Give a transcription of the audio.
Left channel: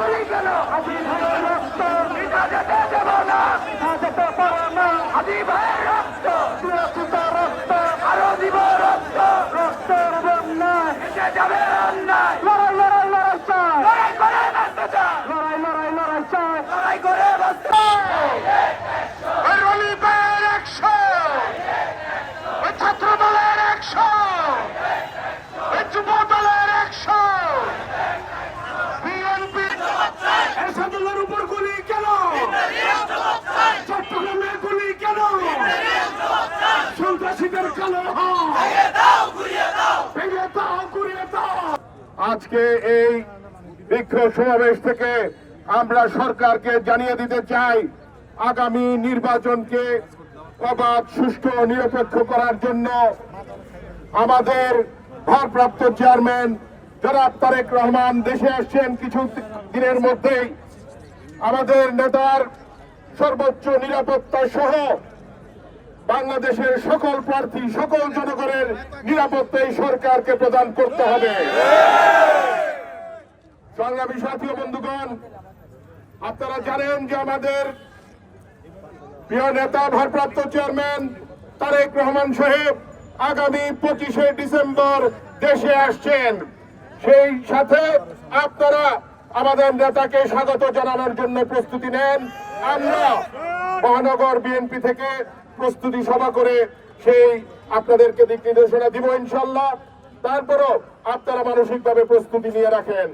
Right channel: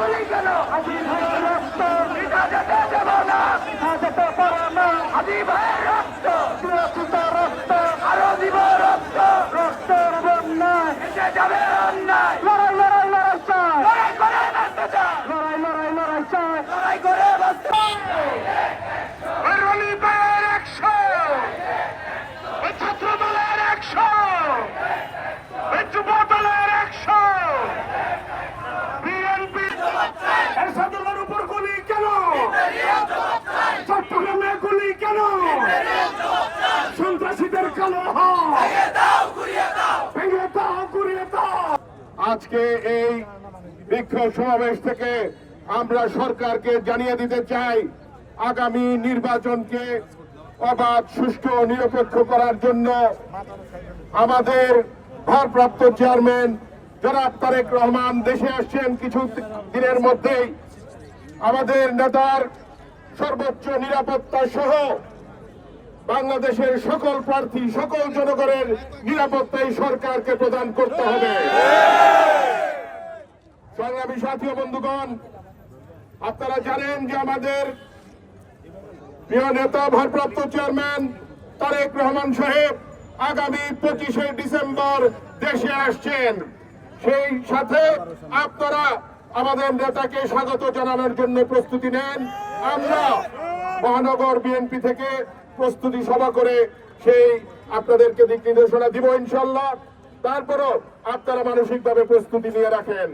গুলি কেন আজি ভাইয়ের রক্ত মিটা যেতে দেব না, মিটা যেতে পারে না। আজি ভাইয়ের রক্ত সুরক্ষিত রক্ত আরো দিব রক্ত, রক্তের বন্যায় মিটে যাবে অন্যায়। লড়াই লড়াই লড়াই চাই, লড়াই করে বাঁচতে চাই, লড়াই লড়াই লড়াই চাই, লড়াই করে বাঁচতে চাই। ওই রলি ভাইয়ের 100, ওই ছাত্র দলের 100, ওই যুব দলের 100, বিএনপি এরশাদুল্লাহর উপর গুলি কেন, চট্টগ্রামে গুলি কেন, সন্ত্রাসীদের কালো হাত ভেঙে দাও গুড়িয়ে দাও। আজকে এই বিক্ষোভ সমাবেশ থেকে আমরা সরকারকে জানিয়ে দিতে চাই, আগামী নির্বাচনকে অবাধ, সুষ্ঠু ও নিরপেক্ষ করার জন্য আমাদের ভারপ্রাপ্ত চেয়ারম্যান জনাব তারেক রহমান দেশে আসছেন কিছু দিনের মধ্যেই। আমাদের নেতার সর্বোচ্চ নিরাপত্তা সহ বাংলাদেশের সকল প্রার্থী, সকল জনগণের নিরাপত্তাই সরকারকে প্রদান করতে হবে। সংগ্রামী সাথী ও বন্ধুগণ, আপনারা জানেন যে আমাদের প্রিয় নেতা ভারপ্রাপ্ত চেয়ারম্যান তারেক রহমান সাহেব আগামী 25শে ডিসেম্বর দেশে আসছেন। সেই সাথে আপনারা আমাদের নেতাকে স্বাগত জানানোর জন্য প্রস্তুতি নেন। আমরা মহানগর বিএনপি থেকে প্রস্তুতি সভা করে সেই আপনাদেরকে দিক নির্দেশনা দিব ইনশাল্লাহ। তারপরও আপনারা মানসিকভাবে প্রস্তুতি নিয়ে রাখেন।